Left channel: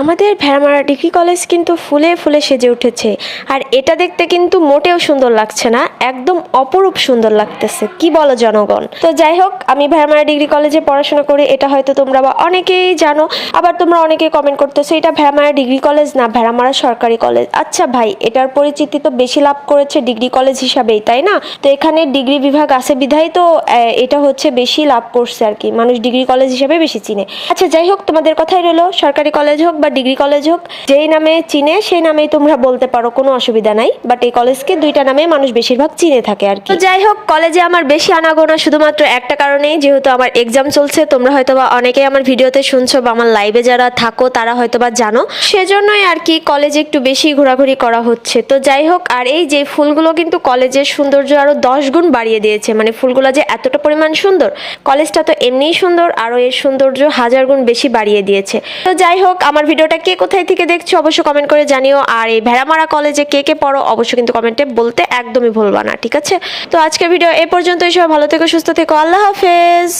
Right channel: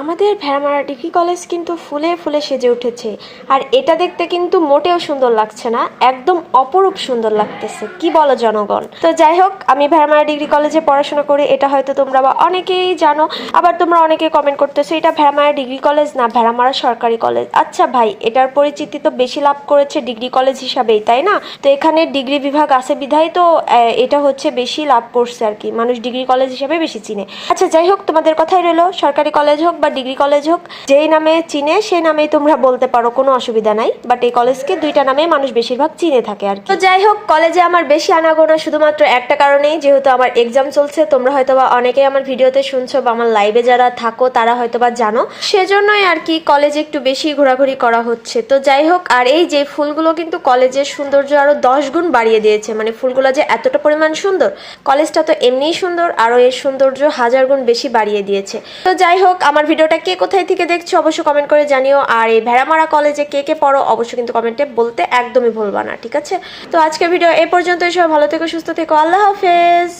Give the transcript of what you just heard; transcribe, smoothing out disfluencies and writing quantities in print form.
আমাদের Bheramara degree college কিন্তু ফুলে ফুলে সেজে উঠেছে। আর এটা দেখতে কিন্তু মোটেও সুন্দর লাগছে না, একদম অপরূপ সুন্দর লাগতেছে। কি বলো জনগণ? তো যাই হোক, আমি ভেড়ামারা ডিগ্রি কলেজে পড়াশোনা করি, এটা হয়তো তোমরা বা অনেকেই জানো। আবার তোমরা অনেকেই কমেন্ট করতেছো এটা ভেড়ামারা ডিগ্রি কলেজ না ভেড়ামারা সরকারি কলেজ। আচ্ছা ভাই, এটার পরিচিতি তো বেশি লাভ করেছে ডিগ্রি কলেজ হিসাবেই, তাই না? তো এখানে ডিগ্রি বিভাগ আছে বিধায় তো এটা হচ্ছে বেশি লাভ করছে আর কি, মানুষ ডিগ্রি কলেজ হিসাবে বেশি চিনে। আচ্ছা যাই হোক, তোমাদের কথাই রইলো, সরকারি কলেজ হোক বা ডিগ্রি কলেজ হোক, যেই নামে চিনে সেই নামেই তোমরা বলতে পারো, কোনো অসুবিধা নাই। বাট এই কলেজকে দুইটা নামে মানুষ বেশিরভাগ চিনে থাকে আর কি। তো যাই হোক, কলেজে আমার বেশি আনাগোনা শুধুমাত্র একটা কারণেই, যেহেতু আমার এক্সাম চলছে। তোমরা হয়তো বা অনেকেই আমার ভিডিওতে শুনছো বা আমার লাইভে যারা থাকো তারা হয়তো বা জানো, সেজন্যই আর কি কলেজে একটু বেশি ঘোরাঘুরি করা হচ্ছে। তো যাই হোক, আর এই যে ফুলগুলো কিন্তু কলেজের সৌন্দর্য আরো 10 গুণ বাড়িয়ে দিয়েছে। মানে ফুলগুলো যে এতটা পরিমাণ সুন্দর, কলেজটা তো এমনিই সুন্দর, আরো এর সৌন্দর্য 1000 গুণ বেশি বাড়িয়ে দিয়েছে। তো যাই হোক, আমার ভিডিওটা কে কোথায় থেকে দেখছো অবশ্যই কমেন্ট করে জানিও। আর এই ভেড়ামারা কলেজে কে কে পড়ো অবশ্যই কিন্তু কমেন্টে বলতে একদমই ভুলবা না, ঠিক আছে? তো আজকের ভিডিও এ পর্যন্তই। সবাই ভালো থেকো, সুস্থ থেকো, আল্লাহ হাফেজ।